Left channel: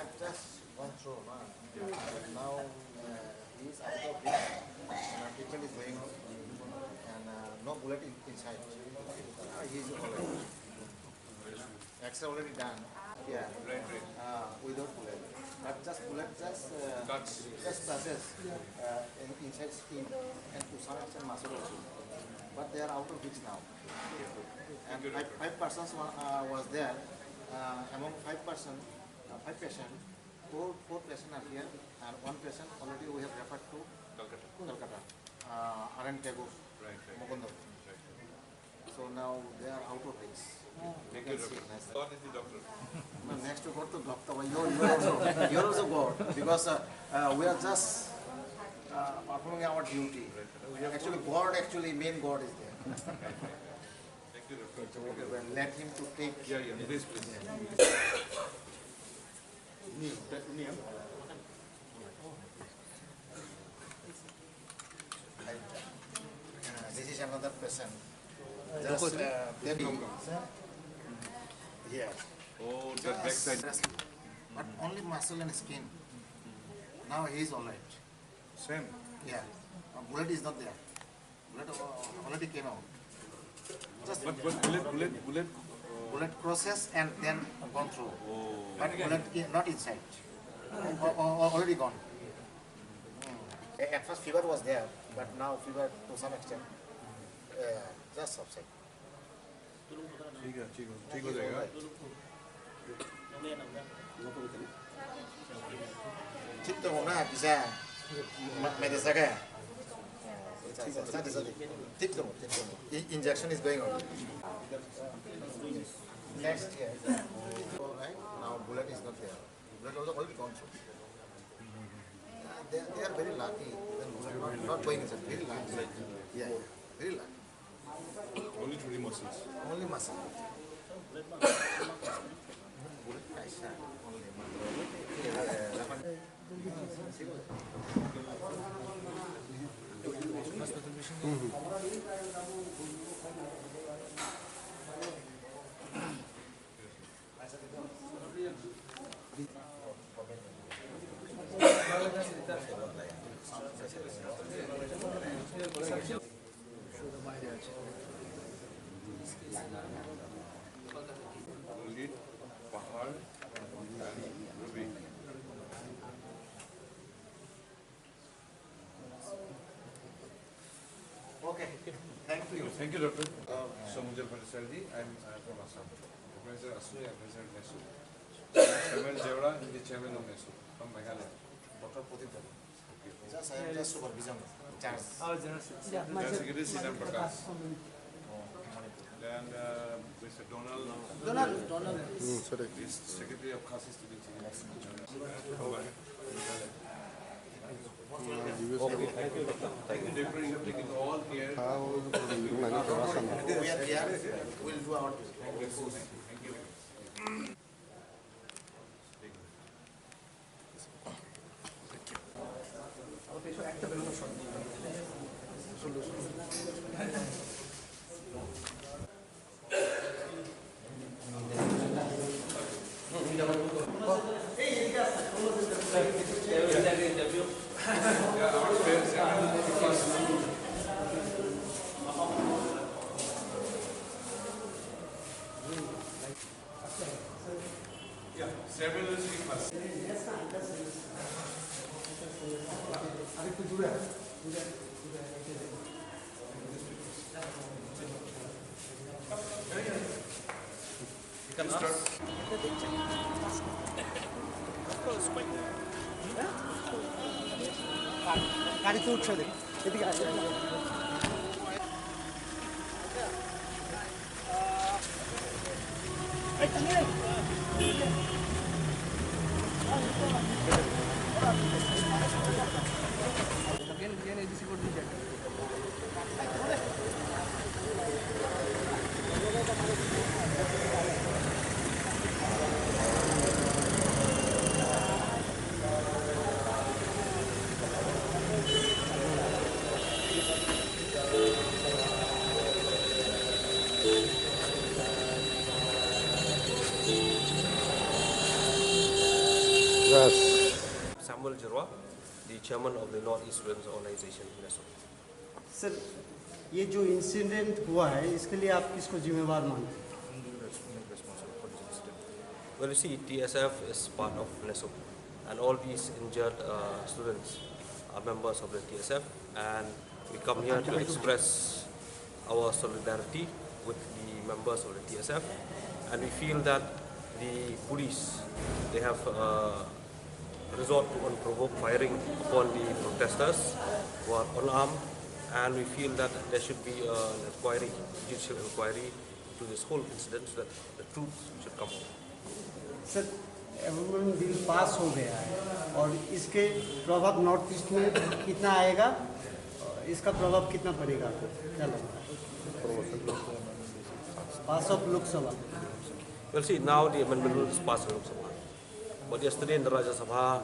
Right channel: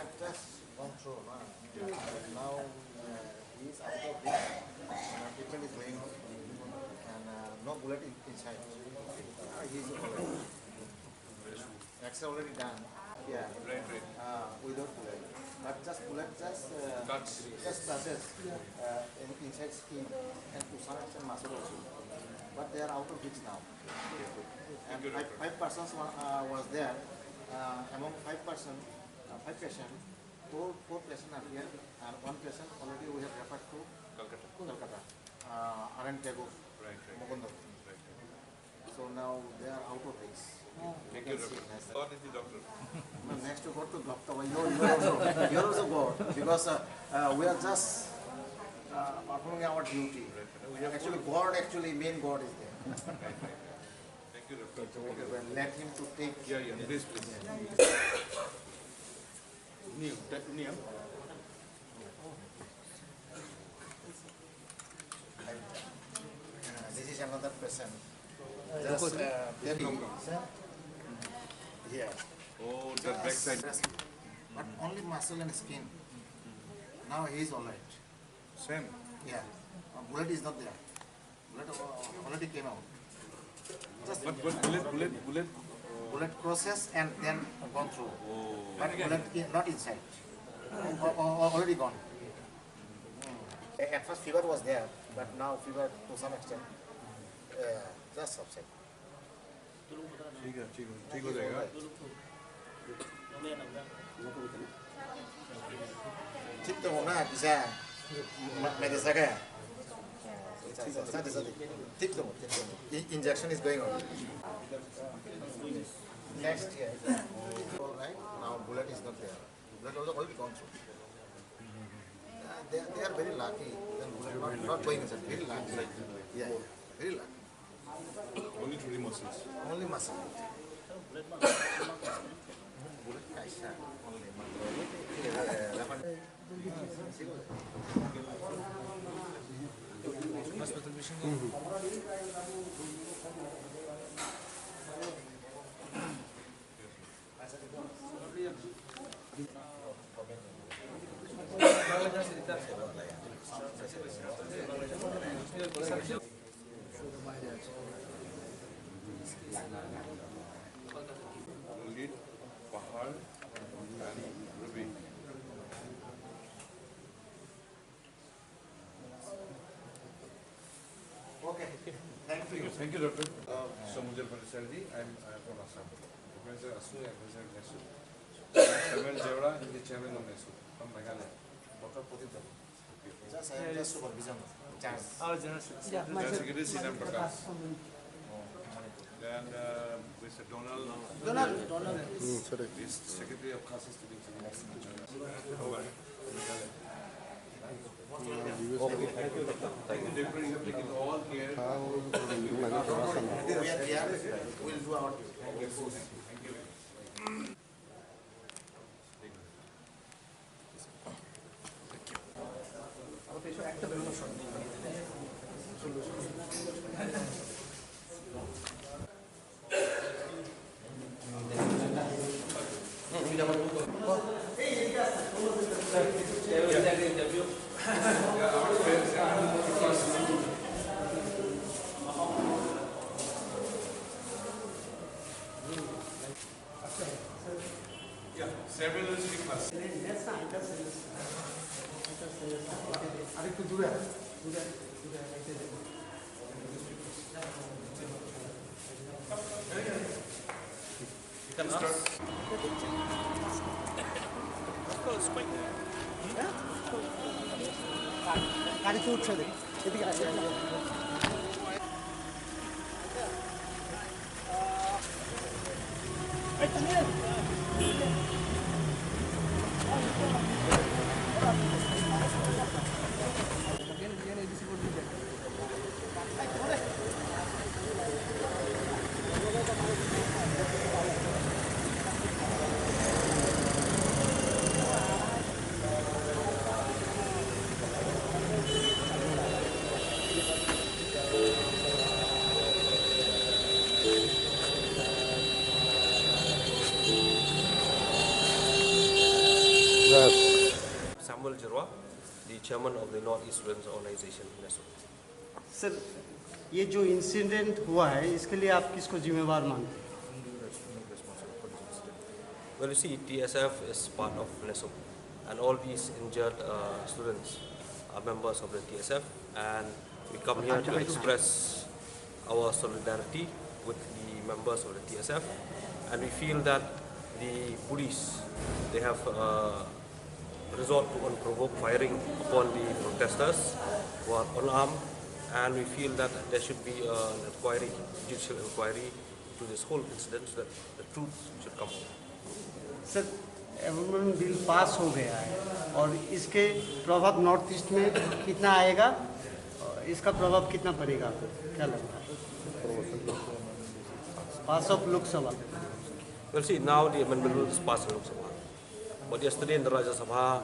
had just gone through. Now he is out of this. Treatment is going on, and no bullet inside. He is already. X-ray already done. Yeah. Right. Without bullet. But just bullet just touches inside skin and to some extent muscle also. But they are out of reach now. And five persons was there. Among five patients, four patients are here, and one patient already we have referred to Calcutta. Arun Tagore, Mukundapur. So now they are out of reach. Thank you, doctor. God is the doctor. No, next to go to doctor. You are also God, because we are just performing our duty. Actually, main God is there. Thank you, doctor. So let him to take. Yeah, please. This is another patient. Just here. Oh, the back side. But only muscle and skin. Now he is alright. Same. Yeah. Bullet is not there. Bullet already came out. Just But bullet crosses and then gone through. Oh. But bullet not inside. Already gone. At first fever was there, but now fever to some extent just subside. ठीक हो जाएगा. Chip to muna bisa medicine kaya. Tip to injection is going on. Next year. All right. Now bullet is not there. Bullet also already gone through. They are very lucky. Then not going inside. Very lucky. Yeah. Very lucky. Only 3 muscles. Only muscle. Lead, Pahal, and Ruby. Okay. Thank you. Thank you, doctor. Samujal Patisarji. I'm from Assam. Professor Asu, Professor Nesu. Chairman Jevra, the chairman of Nesu from Meghalaya. Dr. Putita. Just I am just supervision. Chance. General Secretary Sinan Prakash. And Mr. Donald. Is Secretary of Khasi Student Over. Thank you, doctor. You have taken all care. We are here. We will do our duty. Thank you. Several is first. গাড়িতে উঠছে এদিকে আসে Samuel Jirwa, the chairman of the North East Students Organization, NESO. Sir ये जो incident हुआ है इसके लिए आप किसको जिम्मेवार मानते हैं? Well, you see, TSF is part of NESO, and all these injured students are members of the TSF, and we come here to express our solidarity with the members of the TSF, and we feel that the police, they have resort to unprovoked firing upon the protesters who are unarmed, and we feel that there should be an inquiry, judicial inquiry to this whole incident so that the truth should come out. Sir amendment bill pass हो गया है और इसके प्रभाव north east में कितना आएगा, इसका प्रभाव कितना पड़ेगा आपको क्या लगता है? पास of Lok Sabha. Well, see, now the amendment bill is passed in Lok Sabha, but yesterday in the Rajya Sabha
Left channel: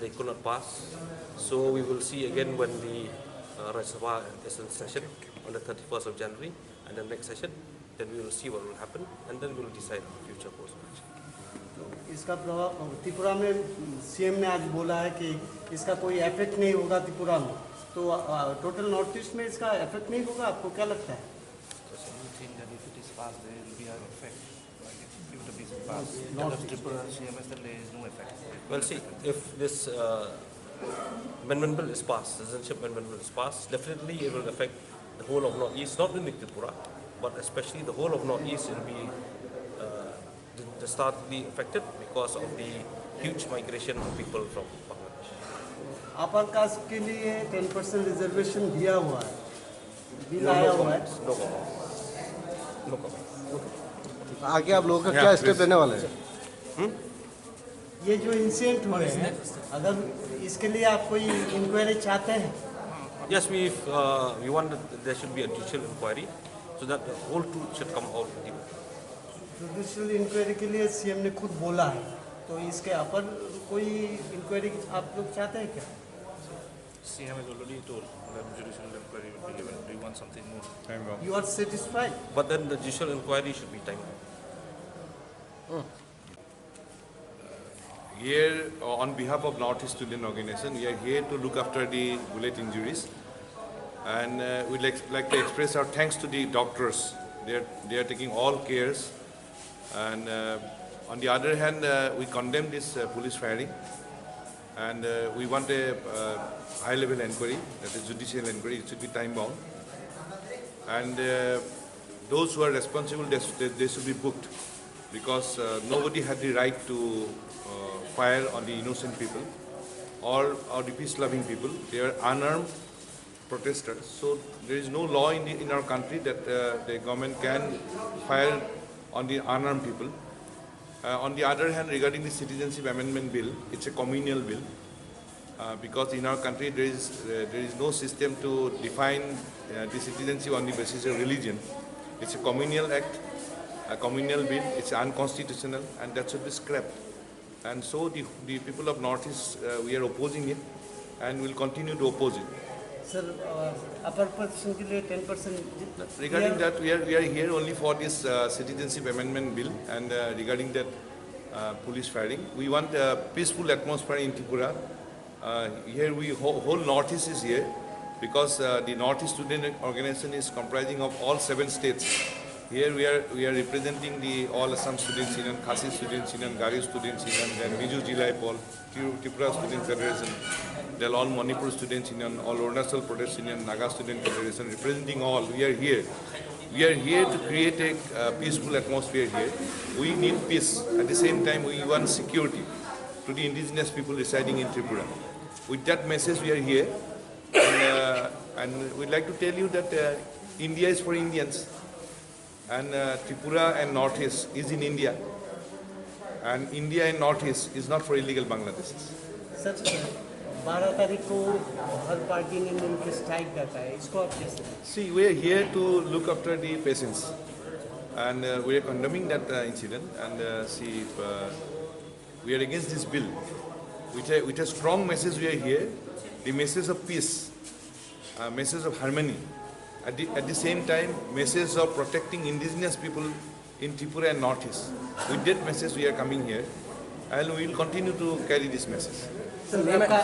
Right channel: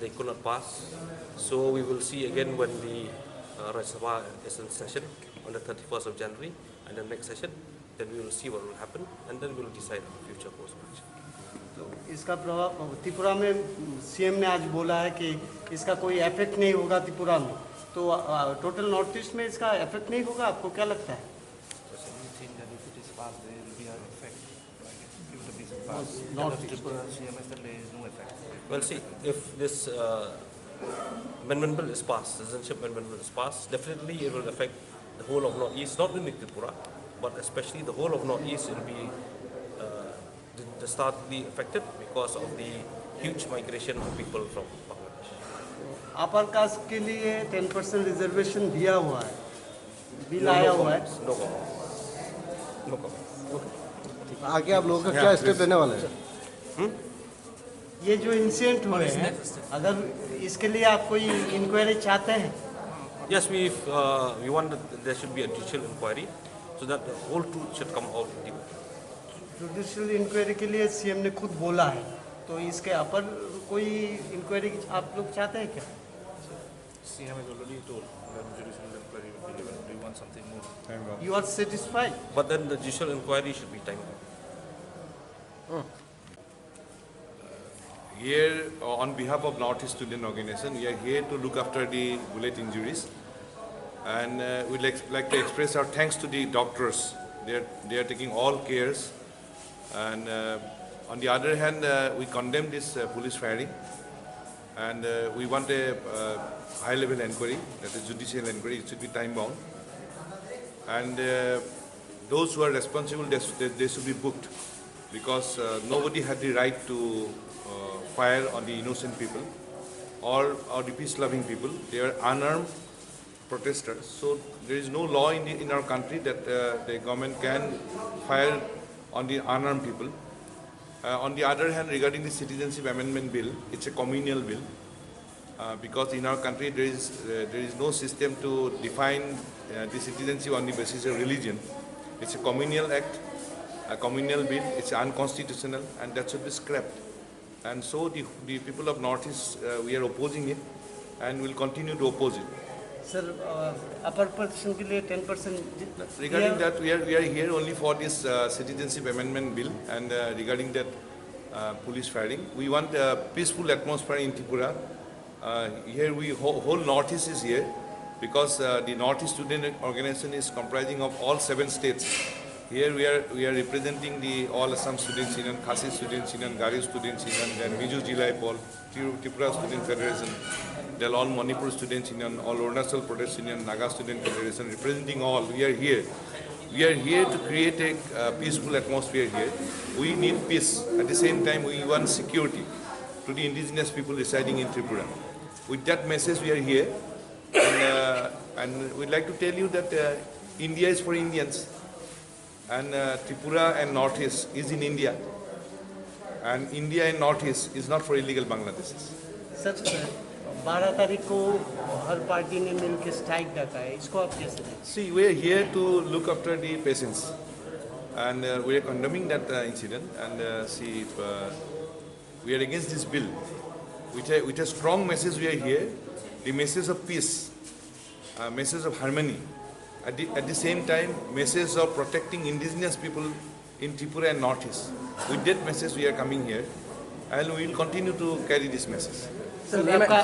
they could not pass, so we will see again when the Rajya Sabha is in session on the 31st of January, and the next session, then we will see what will happen, and then we will decide on the future course of action. तो इसका प्रभाव त्रिपुरा में CM ने आज बोला है कि इसका कोई इफेक्ट नहीं होगा त्रिपुरा में, तो टोटल नॉर्थ ईस्ट में इसका इफेक्ट नहीं होगा, आपको क्या लगता है? Well, see, if this amendment bill is passed, citizenship amendment bill is passed, definitely it will affect the whole of North East, not only Tripura, but especially the whole of North East. It will be starkly affected because of the huge migration of people from Bangladesh. Upper caste के लिए 10% reservation दिया हुआ है, bill आया हुआ है. No comment. No comment. आगे आप लोगों का क्या स्टेप लेने वाले हैं? ये जो इंसिडेंट हुए हैं, अगर इसके लिए आप कोई इंक्वायरी चाहते हैं? Yes, we want that there should be a judicial inquiry so that the whole truth should come out. Judicial inquiry के लिए सीएम ने खुद बोला है, तो इसके अपर कोई इंक्वायरी आप लोग चाहते हैं क्या? CM has already told that judicial inquiry will be given. Do you want something more? You are satisfied? But then the judicial inquiry should be timed. Here, on behalf of North East Student Organization, we are here to look after the bullet injuries, and we'd like to express our thanks to the doctors. They are taking all cares, and on the other hand, we condemn this police firing, and we want a high-level inquiry, that is judicial inquiry. It should be time-bound, and those who are responsible, they should be booked, because nobody had the right to fire on the innocent people or the peace-loving people. They are unarmed protesters. So there is no law in our country that the government can fire on the unarmed people. On the other hand, regarding the Citizenship Amendment Bill, it's a communal bill, because in our country there is no system to define the citizenship on the basis of religion. It's a communal act, a communal bill. It's unconstitutional, and that should be scrapped. And so the people of North East, we are opposing it, and will continue to oppose it. Sir, upper person के लिए 10%. Regarding that, we are here only for this Citizenship Amendment Bill, and regarding that police firing, we want a peaceful atmosphere in Tripura. Here, whole North East is here, because the North East Student Organization is comprising of all 7 states. Here we are representing the all Assam Students Union, Khasi Students Union, Gari Students Union, then Miju Jilai Pol, Tripura Student Federation, then all Manipur Students Union, all Arunachal Pradesh Union, Naga Student Federation, representing all. We are here. We are here to create a peaceful atmosphere here. We need peace. At the same time, we want security to the indigenous people residing in Tripura. With that message, we are here, and we'd like to tell you that India is for Indians. And Tripura and North East is in India, and India and North East is not for illegal Bangladeshis. Sir 12 तारीख को हर party ने मिलकर strike डाला है, इसको आप कैसे? See, we are here to look after the patients, and we are condemning that incident. And we are against this bill. With a strong message, we are here. The message of peace, message of harmony. At the same time, message of protecting indigenous people in Tripura and North East. With that message, we are coming here, and we will continue to carry this message. आपका